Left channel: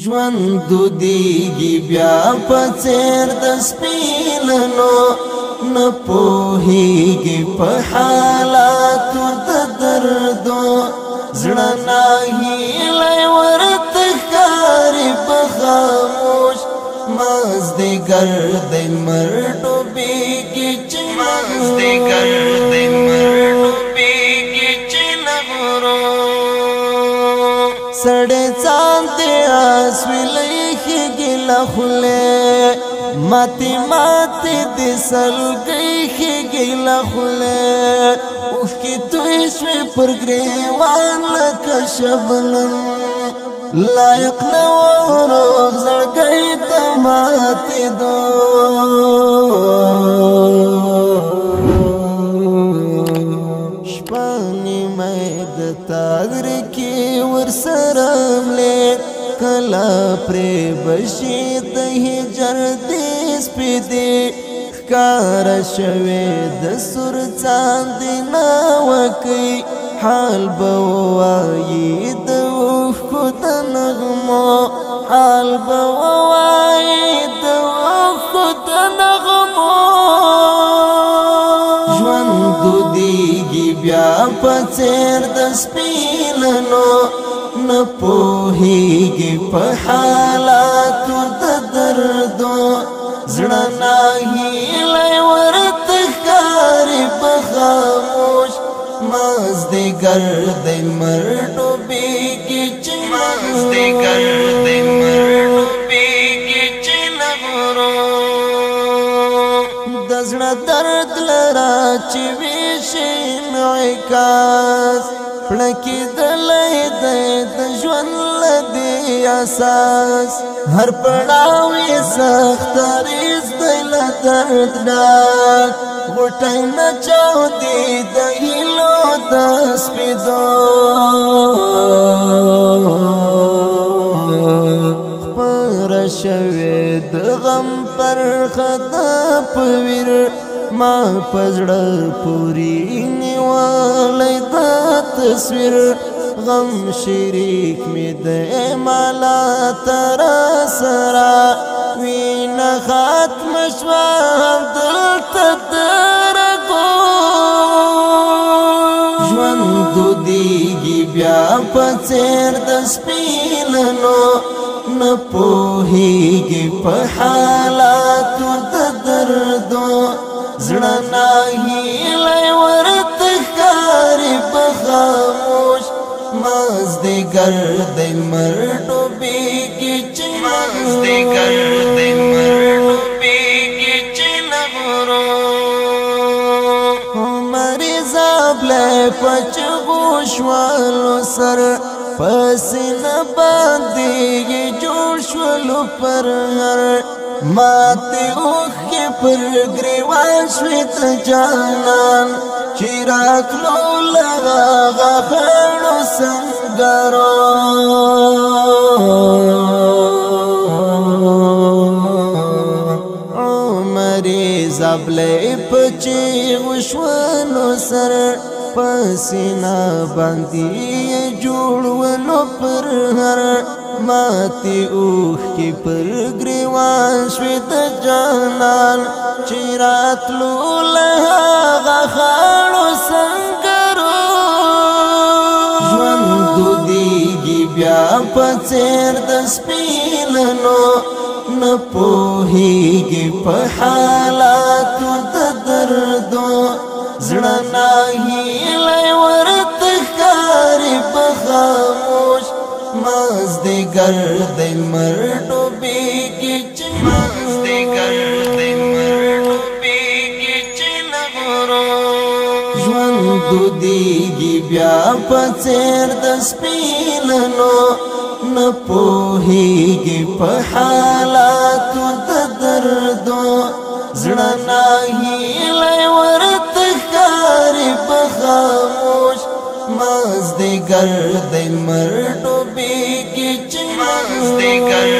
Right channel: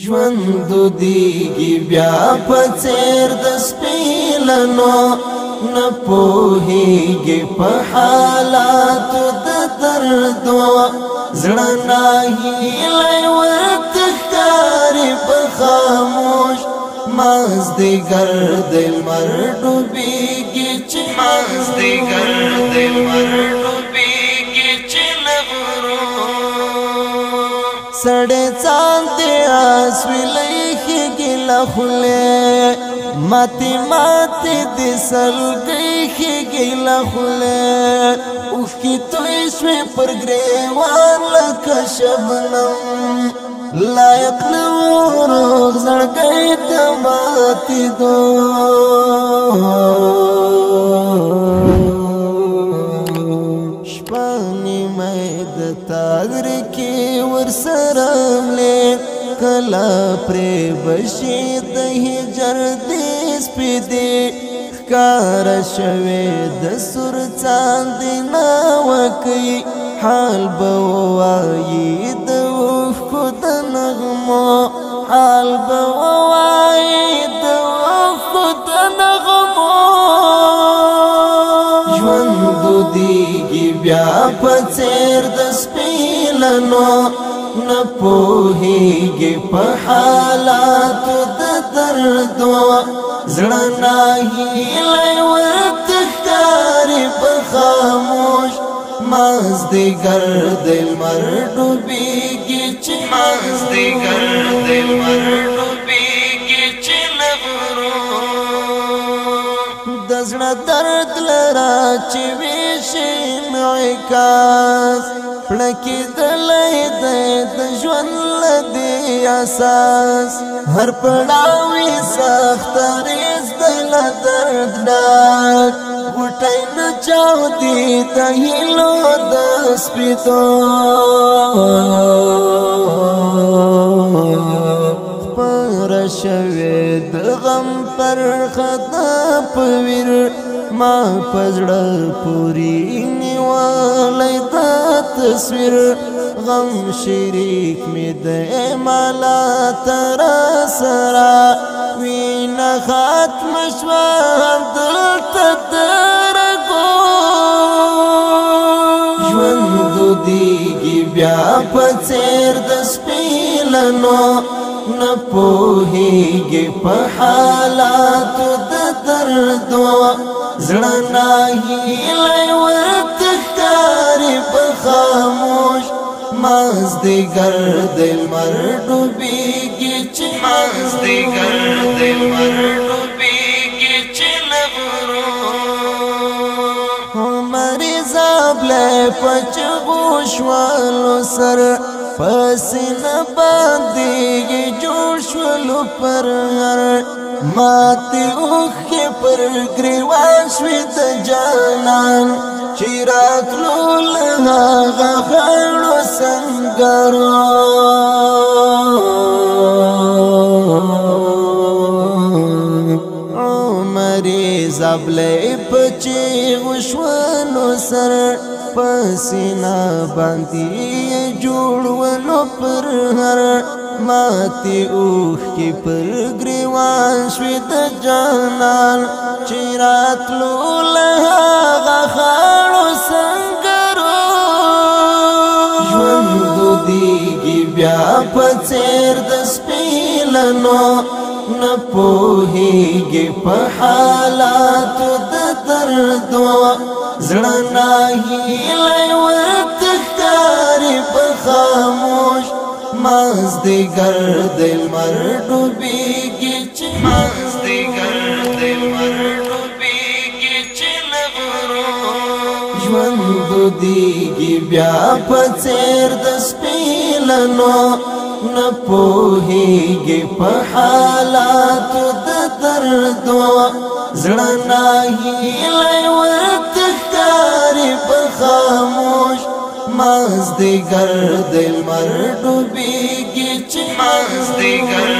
ژوند دیږي بیا په څېر د سپینانو نه پوهیږي په حالاتو د دردو زړه ناهیلی ورته ښکاري په خاموش مازدیګر د لمر ډوبېږي چې مازدیګر د لمر ډوبېږي چې له غرو سړی ځان دی اسویلی ښېږي له خولې ماتې ماتې د سلګۍ ښېږي له خولې اوښکې توی شوې پر ګریوان لکه شبنم لایق نه و روغ زړګی ته ماتېدو شپه نیمه د تاغر کې ورسره ملې کله پرې بشي د هجر دې سپېدې ښکاره شوې د سور څاندې ناوکۍ حال به ووایي د اوښکو د نغمو حال به ووایي د اوښکو د نغمو ژوند دودیږي بیا په څېر د سپینانو نه پوهیږي په حالاتو د دردو زړه ناهیلی ورته ښکاري په خاموش مازدیګر د لمر ډوبېږي چې مازدیګر د لمر ډوبېږي چې له غرو د زړه درد لره چې ویشي انعکاس پړکېدلی دی د ژوند له دې اساس هر پړاو یې سختریز دی له درد ډک غوټۍ نه چاودي د هیلو د سپېدو خپره شوې د غم پرخه ده په ویر ما په زړه پورې نیولی دا تصویر غم شریک مې دی مالا تر سره وینه ختمه شوه همدلته د رګو ژوند دودیږي بیا په څېر د سپینانو نه پوهیږي په حالاتو د دردو زړه ناهیلی ورته ښکاري په خاموش مازدیګر د لمر ډوبېږي چې مازدیګر د لمر ډوبېږي چې له غرو مریض ابلی په چغو شولو سر په سینه باندې یې جوړ شولو پر هر ماتې اوښکې پر ګریوان شوې د جانان چې راتلو له هغه خړو سنګرو عمرې زبلی په چیغو شولو سر په سینه باندې یې جوړولو پر هر ماتې اوښکې پر ګریوان شوې د جانان چې راتلو له هغه خړو سنګرو ژوند دودیږي بیا په څېر د سپینانو نه پوهیږي په حالاتو د دردو زړه ناهیلی ورته ښکاري په خاموش مازدیګر د لمر ډوبېږي چې مازدیګر د لمر ډوبېږي چې له غرو ژوند دودیږي بیا په څېر د سپینانو نه پوهیږي په حالاتو د دردو زړه ناهیلی ورته ښکاري په خاموش مازدیګر د لمر ډوبېږي چې مازدیګر